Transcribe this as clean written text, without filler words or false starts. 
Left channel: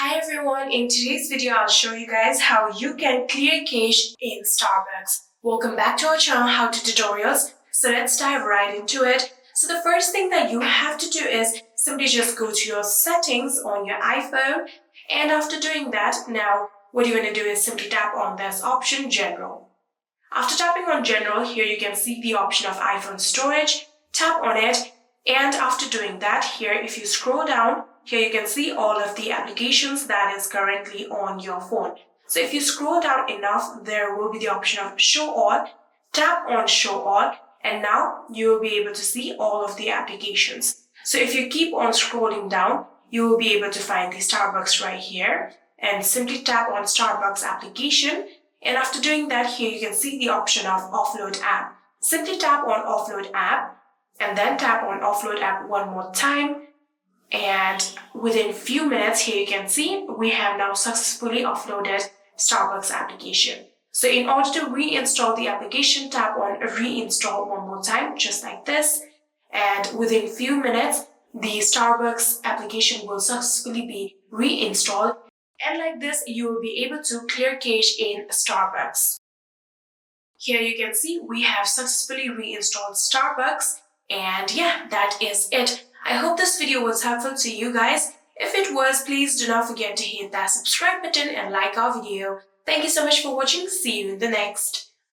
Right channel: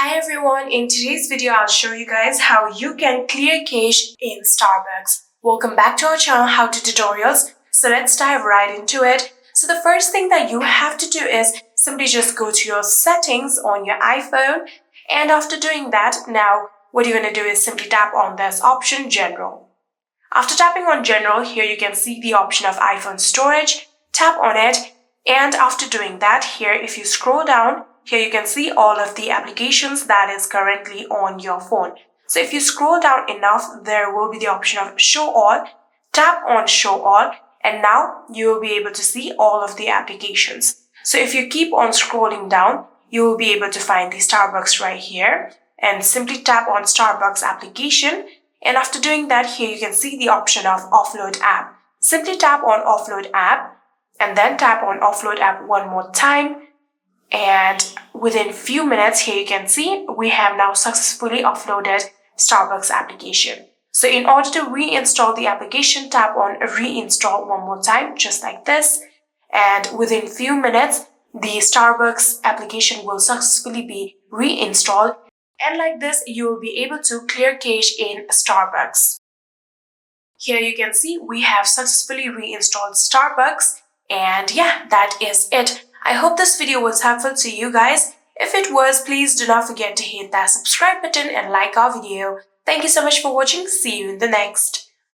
Hi everyone, in today's video I'll show you guys how you can clear cache in Starbucks. Welcome back to our channel How To Tutorials. So let's dive right into it. So the first thing that you have to do is simply just go to your settings on your iPhone, and after doing that, now what you're going to do is simply tap on this option General. After tapping on General, here you can see the option of iPhone storage. Tap on it, and after doing that, here if you scroll down, here you can see all of the applications that is currently on your phone. So if you scroll down enough, there will be the option of Show All. Tap on Show All, and now you will be able to see all of the applications. So if you keep on scrolling down, you will be able to find the Starbucks right here, and simply tap on Starbucks application. And after doing that, here you can see the option of Offload App. Simply tap on Offload App, and then tap on Offload App one more time. And within few minutes, here you can see we have now successfully offloaded Starbucks application. So in order to reinstall the application, tap on Reinstall one more time, just like this. And within few minutes, the Starbucks application will successfully be reinstalled. And like this, you will be able to clear cache in Starbucks. Here you can see we have successfully reinstalled Starbucks. And yeah, that is it. I hope this video was helpful to you guys. If it was, please do not forget to hit that subscribe button and like our video. Thank you so much for watching. See you in the next.